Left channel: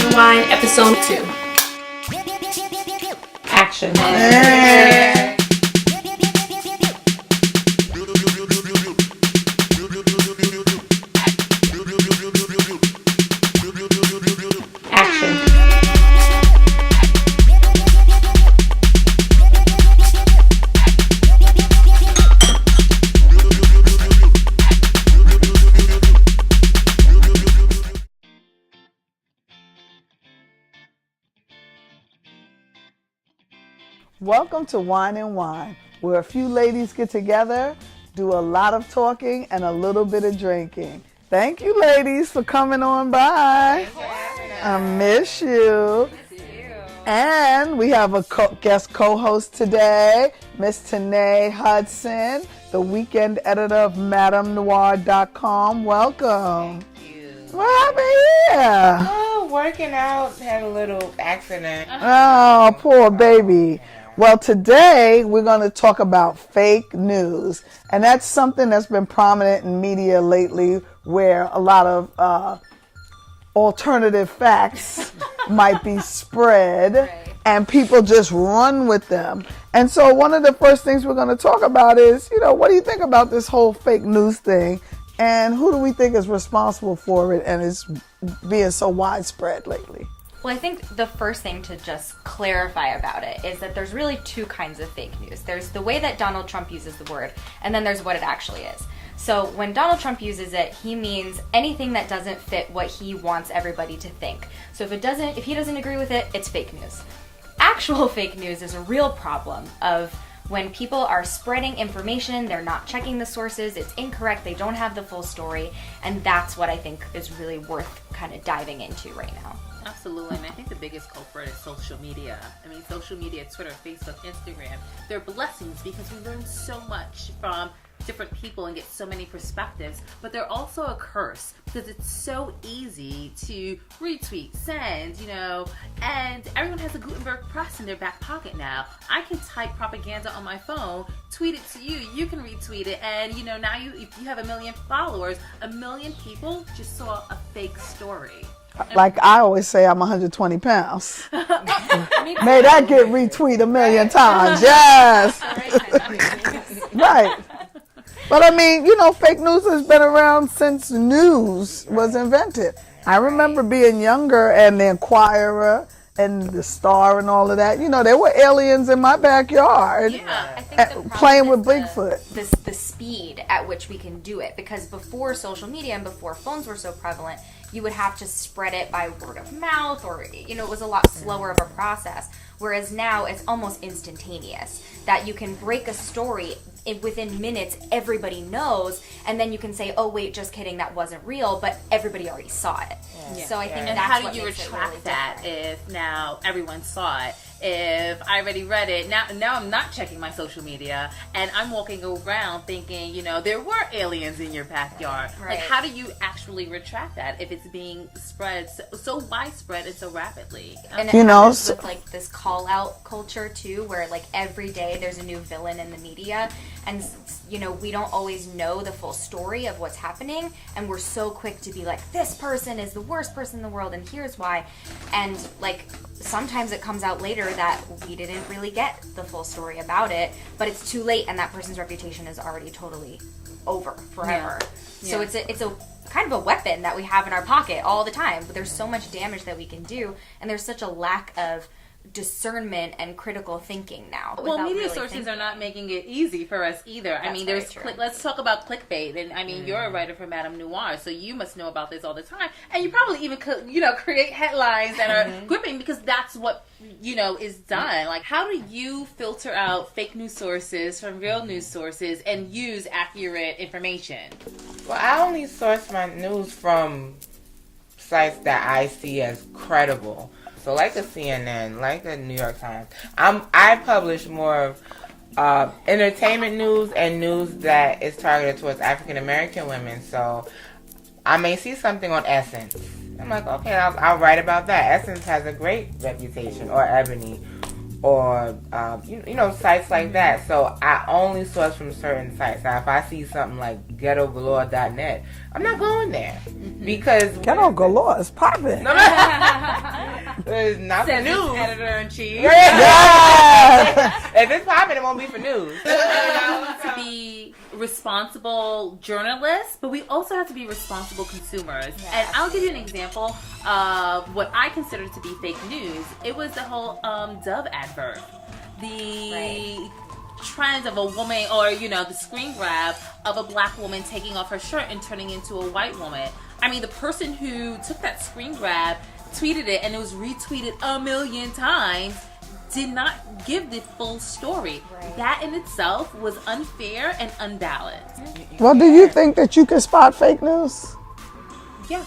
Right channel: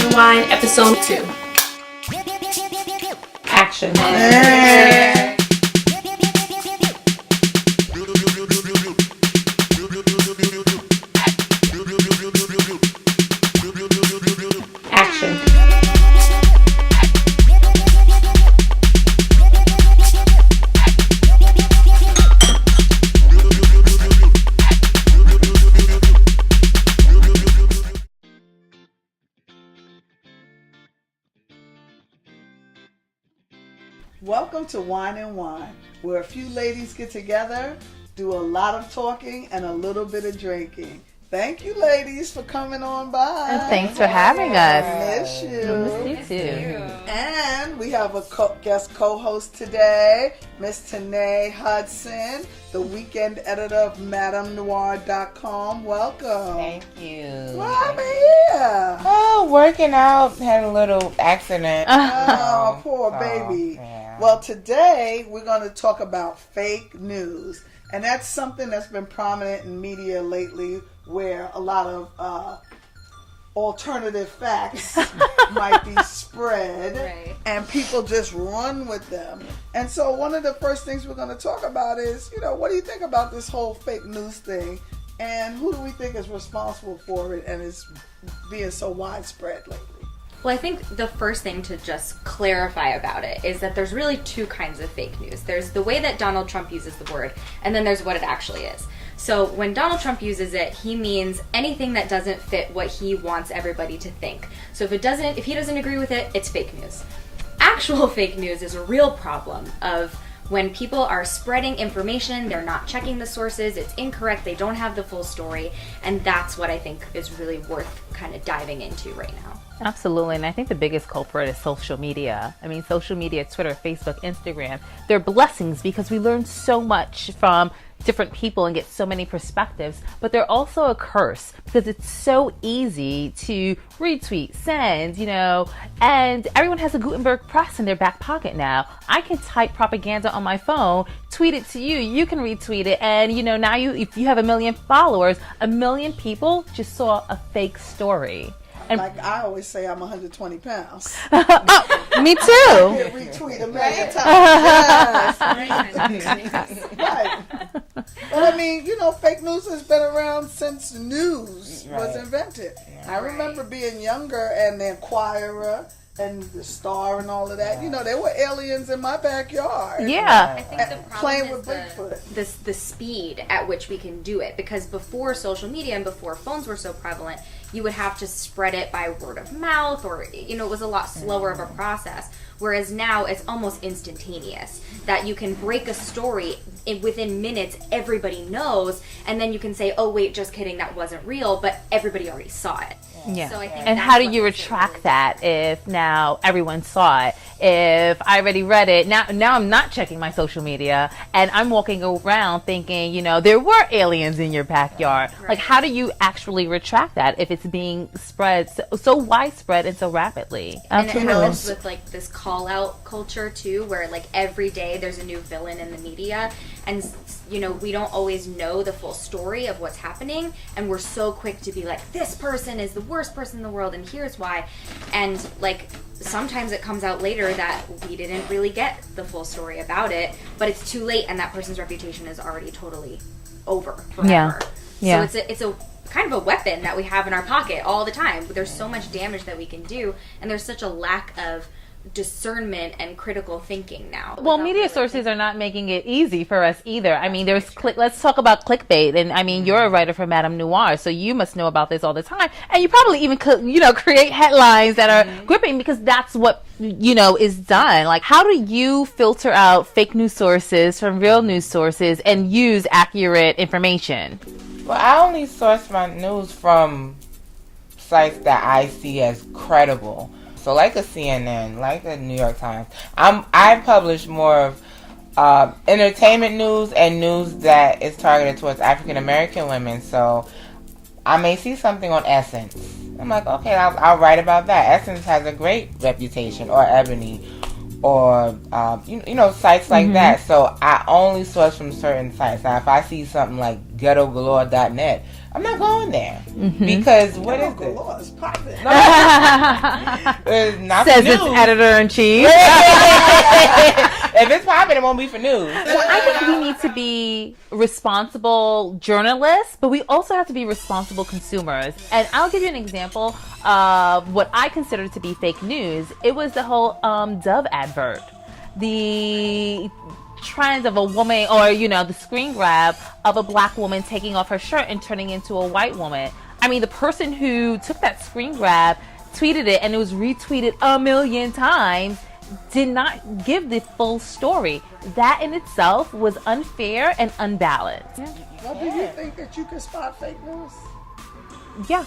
and Whine, episode 2. Action. Welcome to Whine and Whine, where a few ladies get together, do a lot of talking, and a little bit of drinking. Thank you, ladies, for coming on by. Thanks for having us. I miss you. You too. And we have a guest co-host today, Miss Tanay Hudson, the weekend editor of MadameNoir.com. Welcome. Thank you. What happened here? Oh, working out. Had a little accident. Oh, poor baby. Yeah. Well, today we're going to talk about fake news. And that's something that's been prominent in media lately, where a lot of alternative facts might be spread, and people just run with them. And so one of the first things we're going to talk about is, what do you think about this whole fake news thing? And who do we think is responsible for it and is being so widespread lately? Well, I think the first thing to just clarify about it is that there's really two kinds of fake news. There's the way that Donald Trump uses the word, and then there's what it actually is. So when Donald Trump uses it, he means anything that doesn't fit what he wants everybody to think. So if he doesn't agree with it, it's fake news. Actual fake news is a real problem of when people are spreading information, they're not checking the sources, it's incorrect, they don't have the full story, and that's what I think is really worth kind of diving into right now. Absolutely, and I think the biggest culprit is social media. I mean, social media, Twitter, Facebook, Instagram, they're blessings because we learn so much from different people and get so many perspectives, but they're also a curse because it's so easy to retweet, send, and everyone has a Gutenberg press in their back pocket now. I can type propaganda on my phone, tweet it to you, you can retweet it, and now if you have 1 million followers, 1 million people just saw a fake story. And like I always say, I'm 120 pounds. Me too. Maybe I get retweet 1 million times. Yes. Right. But I mean, fake news has been around since news was invented. I remember being younger and the Inquirer and the Star and all of that. There were aliens in my backyard. Yeah. I think the problem playing with is Bigfoot. The speed at which we can do it, because before social media and before phones were so prevalent, you would have to spread it by word of mouth, or it was a lot slower of a process. Whereas now it's almost instantaneous, that you can break a story within minutes, everybody knows, and then you can say, oh wait, just kidding, that wasn't real, but everybody already saw it. Yeah. So I think and that's how do what you makes it retract really that if now everyone saw it? If I already read it, now I'm not checking my social media and I'm walking around thinking, there were aliens in your backyard. Right. Like, how do you actually retract that if it's being spread so widespread and so rapidly? And it happens with this call out culture too, where every day there's a new villain in the media, and we don't always know the full story of what's happening, and we're so quick to be like, this person is the worst person in the world and here's why. And sometimes it comes out later that we didn't really get the full story about it, but it's too late and that person's reputation is already totally over forever. Yeah. So it's a kind of a weapon that we have in our pocket all the time. There's so much damage that we can do, and there's such a lack of discernment and critical thinking now. Well, media sources are not making it easy for us either. I mean, let's talk about clickbait. And I mean, you're a writer for Madame Noir, so you must know about this all the time. And you probably even could, create headlines that are gripping because that's what, is done. Like, how do you filter out fake news sources from real news sources and use accurate information? Well, I only source my news from sites that I see as credible. So like the CNN, like the New York Times. I publish more of entertainment news and news that is targeted towards African American women. So I may see something on Essence. I'm like, okay, I'll write about that. Essence has a great reputation, or Ebony. or sites like that. So I only source from certain sites. Now, if I see something like ghettogalore.net, I'm not going there because Ghetto Galore is popping. it's not Says for its news. editor-in-chief. If it's popping, it won't be for news. I think we need to be responsible journalists, but we also have to be responsible consumers. And I'll give you an example of what I consider to be fake news. It was the whole Dove advert. The trend of a woman, or the screen grab of a black woman taking off her shirt and turning into a white woman. I mean, the person who took that screen grab tweeted it, and it was retweeted a million times, did not give the full story. That in itself was unfair and unbalanced. Well, do you think that you can spot fake news? Yeah.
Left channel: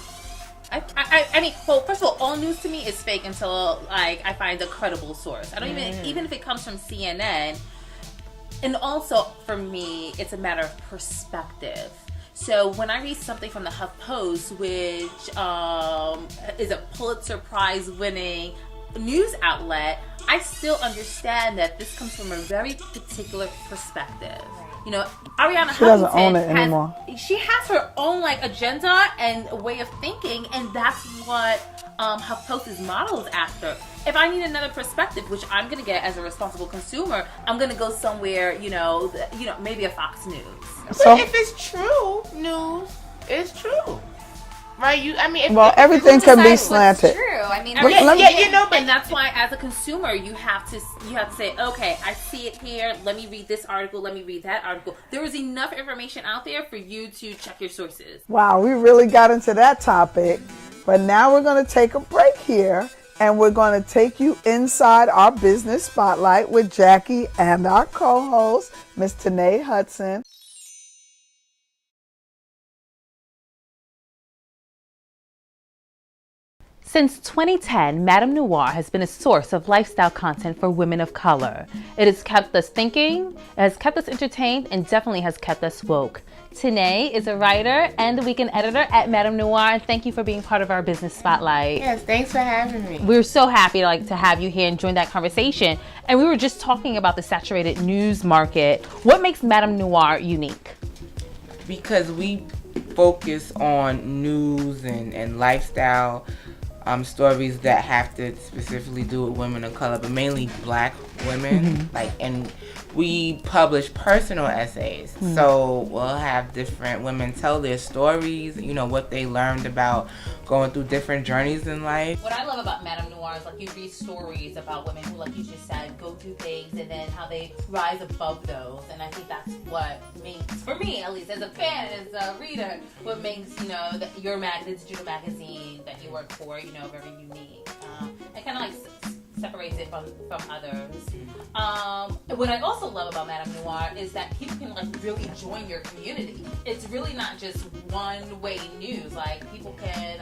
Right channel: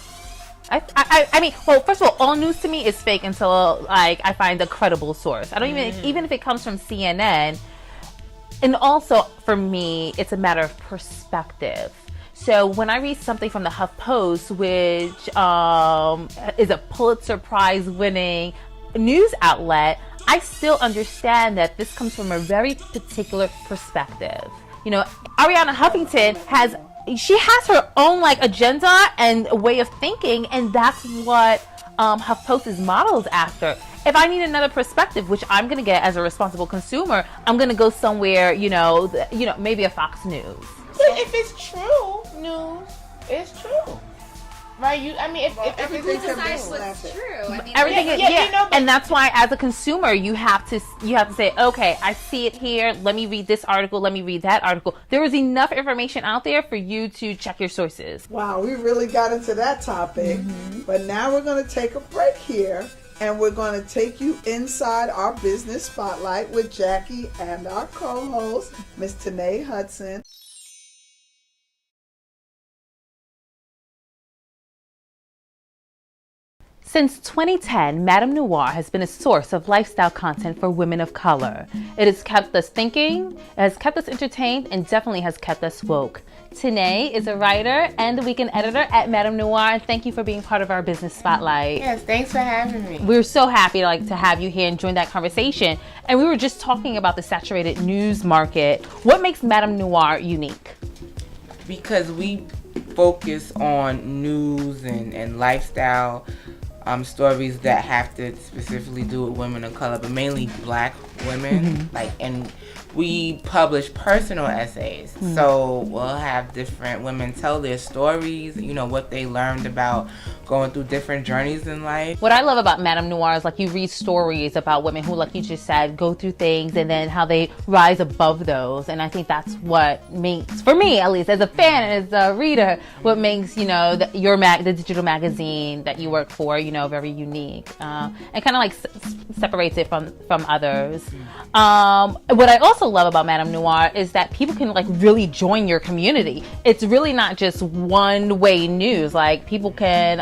I mean, well, first of all news to me is fake until I find a credible source. I don't even if it comes from CNN. And also, for me, it's a matter of perspective. So when I read something from the HuffPost, which is a Pulitzer Prize winning news outlet, I still understand that this comes from a very particular perspective. Ariana Huffington has her own agenda and way of thinking, and that's what HuffPost is modeled after. If I need another perspective, which I'm going to get as a responsible consumer, I'm going to go somewhere, maybe a Fox News. So if it's true news, it's true. Right? Everything can be slanted. True. I mean, and that's why, as a consumer, you have to say, okay, I see it here. Let me read this article. Let me read that article. There is enough information out there for you to check your sources. Wow, we really got into that topic. But now we're going to take a break here, and we're going to take you inside our business spotlight with Jackie and our co-host, Miss Tanay Hudson. Since 2010, Madame Noir has been a source of lifestyle content for women of color. It has kept us thinking, it has kept us entertained, and definitely has kept us woke. Tanay is a writer and the weekend editor at Madame Noir. Thank you for being part of our business spotlight. Yes, thanks for having me. We're so happy to have you here and join that conversation. And we were just talking about the saturated news market. What makes Madame Noir unique? Because we focus on news and lifestyle stories that have to specifically do with women of color, but mainly black women. And we publish personal essays. So we'll have different women tell their stories, what they learned about going through different journeys in life. What I love about Madame Noir is you read stories about women who, like you just said, go through things and then how they rise above those. And I think that's what makes, for me at least, as a fan, as a reader, what makes, the digital magazine that you work for, very unique. And kind of separates it from others. What I also love about Madame Noir is that people can really join your community. It's really not just one-way news. People can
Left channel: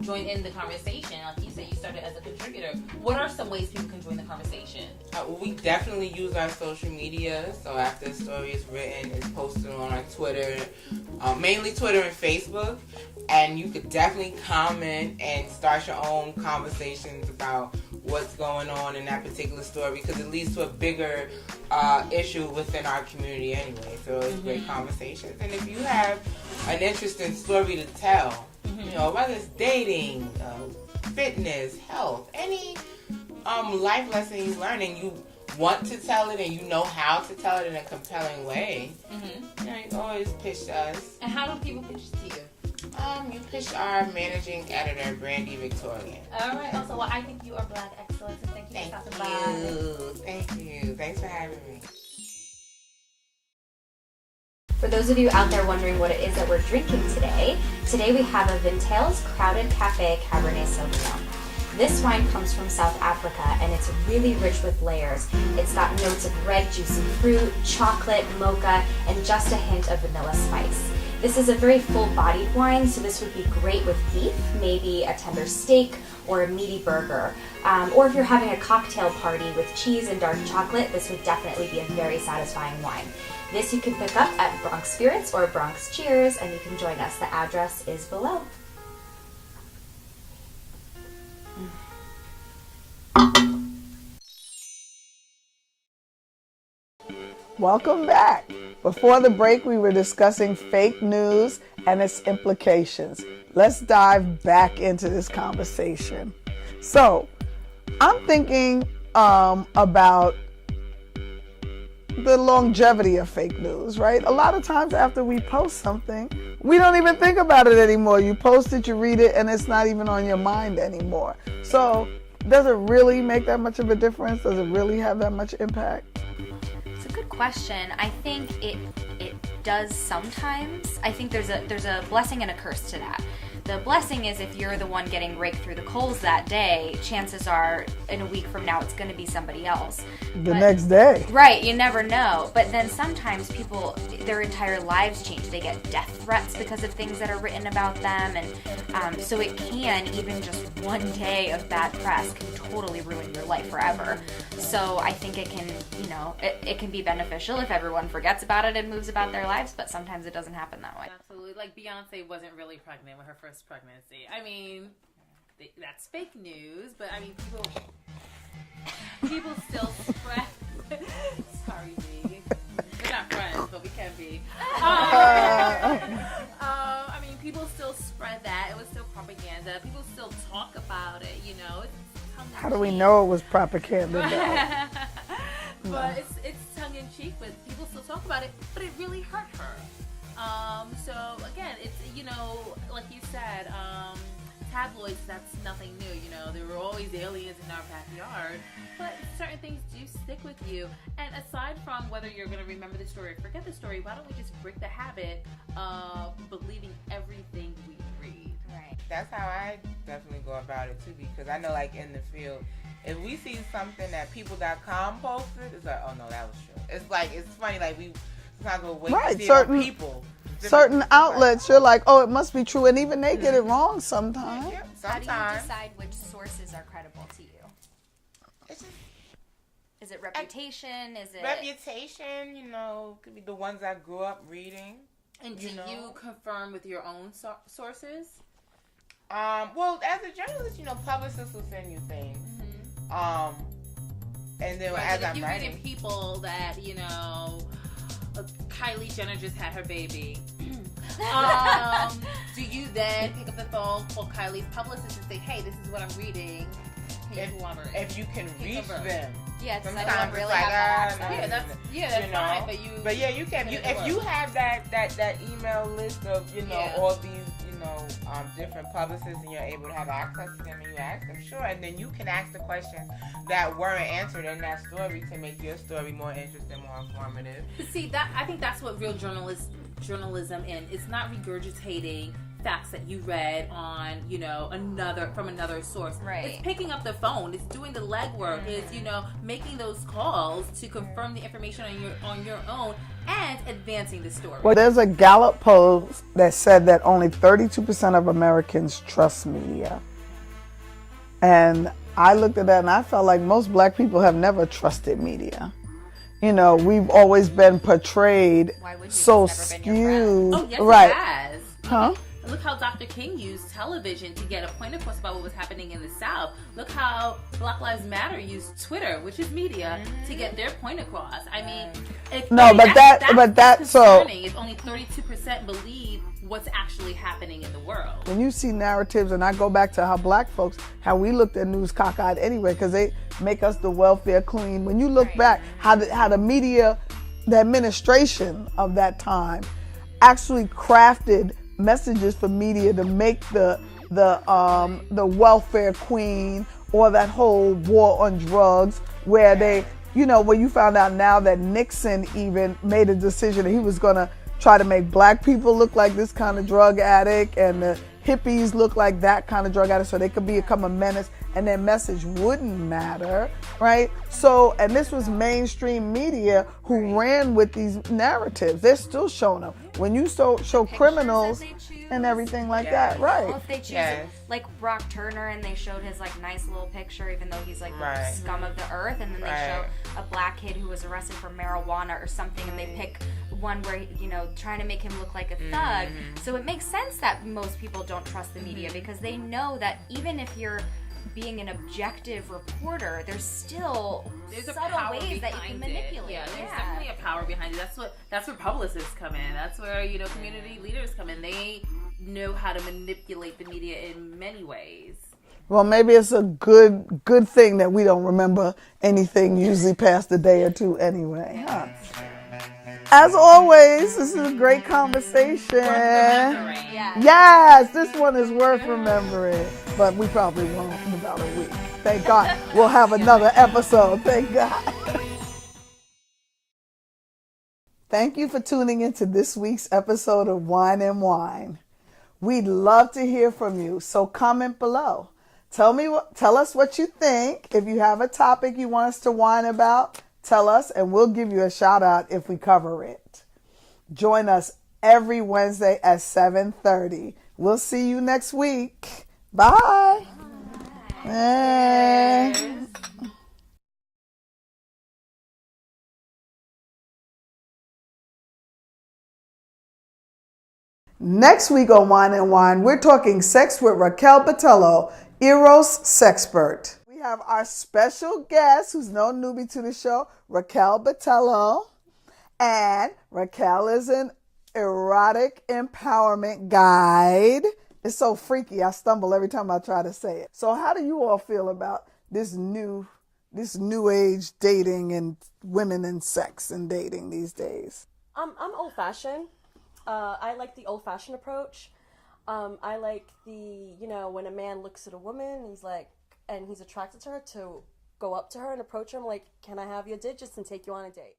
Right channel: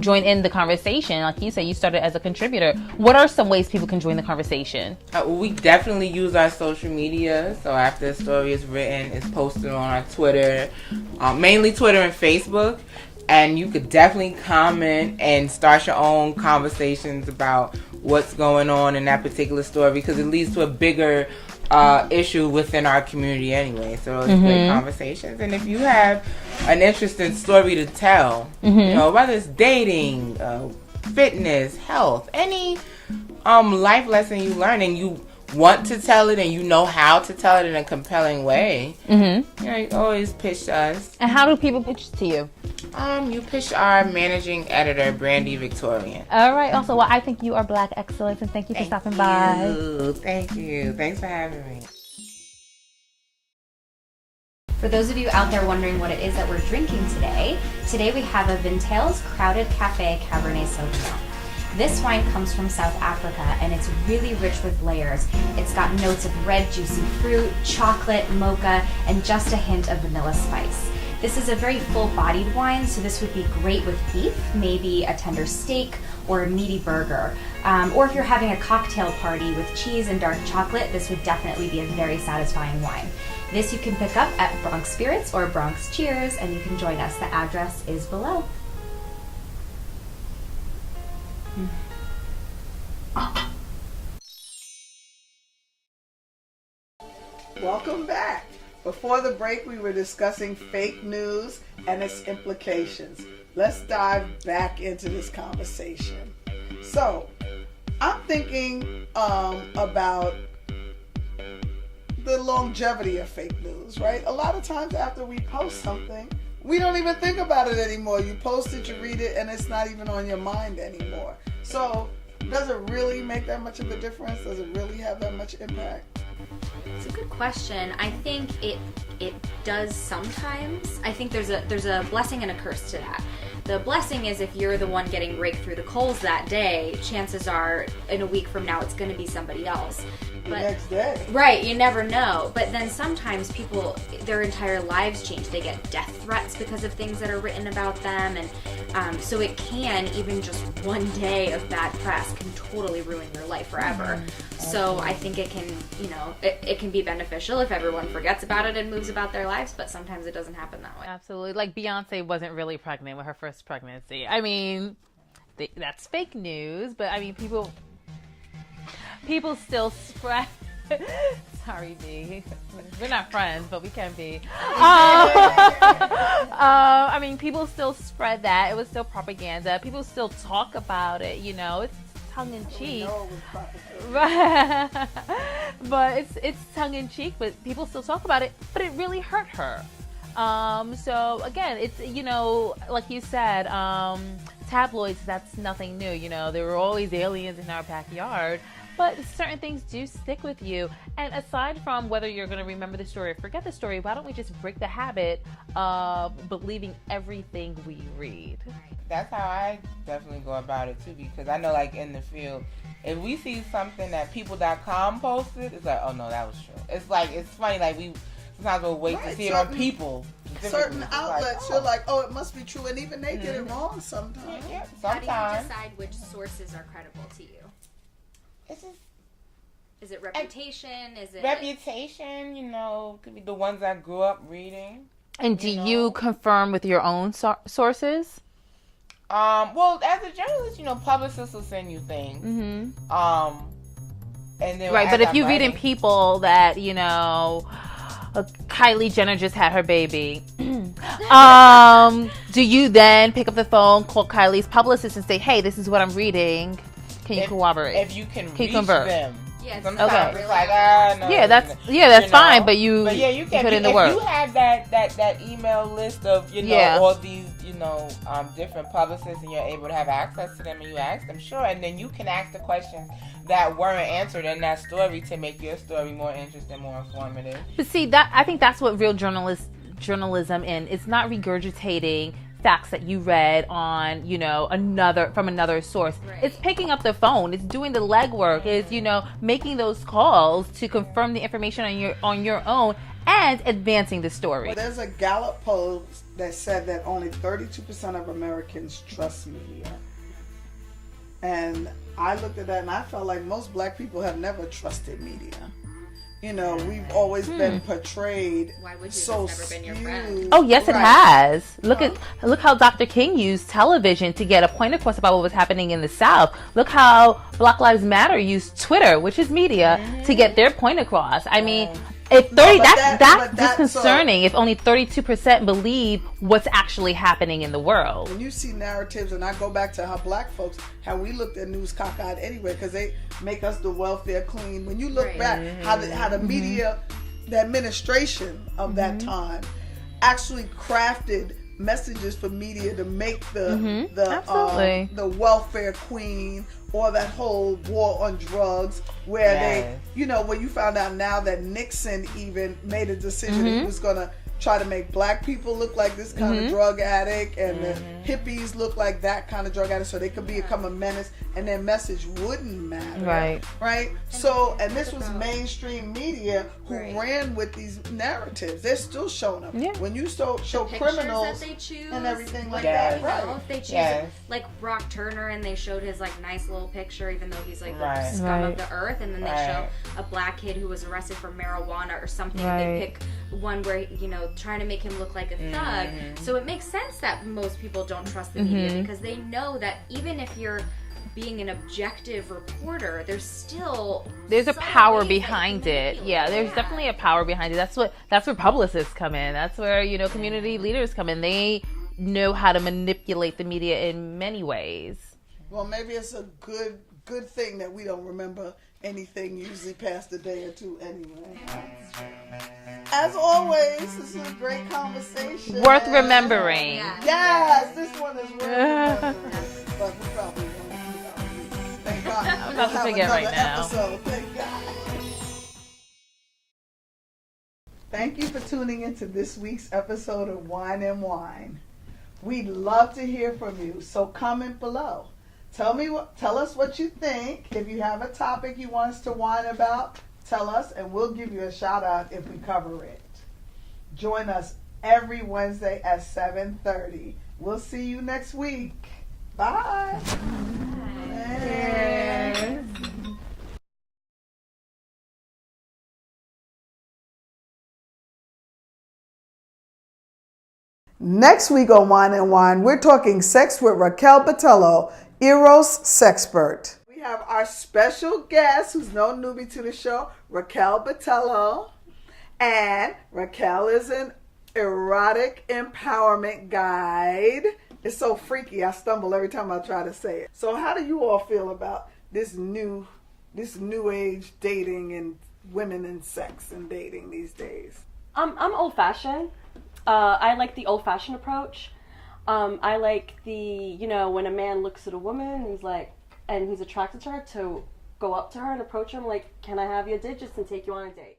join in the conversation. Like you said, you started as a contributor. What are some ways people can join the conversation? We definitely use our social media. So after the story is written, it's posted on our Twitter, mainly Twitter and Facebook. And you could definitely comment and start your own conversations about what's going on in that particular story, because it leads to a bigger issue within our community anyway. So it's great conversations. And if you have an interesting story to tell, whether it's dating, fitness, health, any life lesson you learn and you want to tell it and you know how to tell it in a compelling way, you always pitch to us. And how do people pitch to you? You pitch our managing editor, Brandy Victorian. All right. Also, well, I think you are Black excellence, and thank you for stopping by. Thank you. Thanks for having me. For those of you out there wondering what it is that we're drinking today we have a Vintales Crowded Cafe Cabernet Sauvignon. This wine comes from South Africa, and it's really rich with layers. It's got notes of red juicy fruit, chocolate, mocha, and just a hint of vanilla spice. This is a very full-bodied wine, so this would be great with beef, maybe a tender steak or a meaty burger. Or if you're having a cocktail party with cheese and dark chocolate, this would definitely be a very satisfying wine. This you can pick up at Bronx Spirits or Bronx Cheers, and you can join us. The address is below. Welcome back. Before the break, we were discussing fake news and its implications. Let's dive back into this conversation. So, I'm thinking about the longevity of fake news, right? A lot of times after we post something, we don't even think about it anymore. You post it, you read it, and it's not even on your mind anymore. So, does it really make that much of a difference? Does it really have that much impact? It's a good question. I think it does sometimes. I think there's a blessing and a curse to that. The blessing is if you're the one getting raked through the coals that day, chances are in a week from now it's going to be somebody else. The next day. Right, you never know. But then sometimes people, their entire lives change. They get death threats because of things that are written about them. And so it can, even just one day of bad press can totally ruin your life forever. So I think it can, it can be beneficial if everyone forgets about it and moves about their lives, but sometimes it doesn't happen that way. Absolutely. Like Beyonce wasn't really pregnant with her first pregnancy. I mean, that's fake news, but I mean, people still spread. Sorry, B. We're not friends, but we can be. I mean, people still spread that. It was still propaganda. People still talk about it. It's tongue-in-cheek. How do we know it was propaganda? But it's tongue-in-cheek, but people still talk about it. But it really hurt her. So again, it's like you said, tabloids. That's nothing new. There were always aliens in our backyard. But certain things do stick with you. And aside from whether you're going to remember the story or forget the story, why don't we just break the habit of believing everything we read? Right. That's how I definitely go about it too, because I know, like, in the field, if we see something that people.com posted, it's like, oh no, that was true. It's like, it's funny, like, we sometimes we'll wait to see it on people. Certain outlets, you're like, oh, it must be true, and even they get it wrong sometimes. Yeah, How do sometimes. you decide which sources are credible to you? Is it reputation? Is it Reputation, could be the ones I grew up reading. And do you confirm with your own sources? Well, as a journalist, publicists will send you things. Mm-hmm. And then Right, but if you read in People that, Kylie Jenner just had her baby, do you then pick up the phone, call Kylie's publicist and say, hey, this is what I'm reading. Can you corroborate? If you can reach convert them. Yeah, Sometimes okay. it's Really like, no, Yeah, that's fine, but you can put in the if work. you have that email list of all these different publicists, and you're able to have access to them, and you ask them, sure, and then you can ask the questions that weren't answered in that story to make your story more interesting, more informative. But see, I think that's what real journalism is. It's not regurgitating facts that you read on, from another source. Right. It's picking up the phone. It's doing the legwork. It's, making those calls to confirm the information on your own and advancing the story. Well, there's a Gallup poll that said that only 32% of Americans trust media. And I looked at that and I felt like most black people have never trusted media. We've always been portrayed so skewed. Oh yes, right. It has. Look how Dr. King used television to get a point across about what was happening in the South. Look how Black Lives Matter used Twitter, which is media, to get their point across. I mean, that's concerning. If only 32% believe what's actually happening in the world. When you see narratives, and I go back to how black folks, how we looked at news cockeyed anyway, because they make us the welfare queen. When you look back, how the media, the administration of that time, actually crafted messages for media to make the welfare queen, or that whole war on drugs, where they. Where you found out now that Nixon even made a decision that he was going to try to make black people look like this kind of drug addict, and the hippies look like that kind of drug addict, so they could become a menace and their message wouldn't matter. Right? So, and this was mainstream media who ran with these narratives. They're still showing them. Yeah. When you show criminals and everything like that, right? Well, if they choose like Brock Turner, and they showed his like nice little picture, even though he's like the scum of the earth, and then they show a black kid who was arrested for marijuana or something. They pick one where trying to make him look like a thug. So it makes sense that most people don't trust the media, because they know that even if you're being an objective reporter, there's a subtle power ways that you can behind it. manipulate. Yeah, there's definitely a power behind it. That's where publicists come in. That's where, community leaders come in. They know how to manipulate the media in many ways. Well, maybe it's a good thing that we don't remember anything usually past a day or two anyway. Huh? As always, this is a great conversation. Worth remembering. Yes, this one is worth remembering. But we probably won't in about a week. Thank God. We'll have forget another right now. episode. Thank God. Thank you for tuning into this week's episode of Whine and Whine. We'd love to hear from you, so comment below. Tell us what you think. If you have a topic you want us to whine about, tell us and we'll give you a shout out if we cover it. Join us every Wednesday at 7:30. We'll see you next week. Bye. Bye. Next week on Whine and Whine, we're talking sex with Raquel Botello, Eros Sexpert. We have our special guest, who's no newbie to the show, Raquel Botello. And Raquel is an erotic empowerment guide. It's so freaky, I stumble every time I try to say it. So how do you all feel about this new age dating and women and sex and dating these days? I'm old-fashioned. I like the old-fashioned approach. I like the, when a man looks at a woman and he's attracted to her, to go up to her and approach him like, can I have your digits and take you on a date?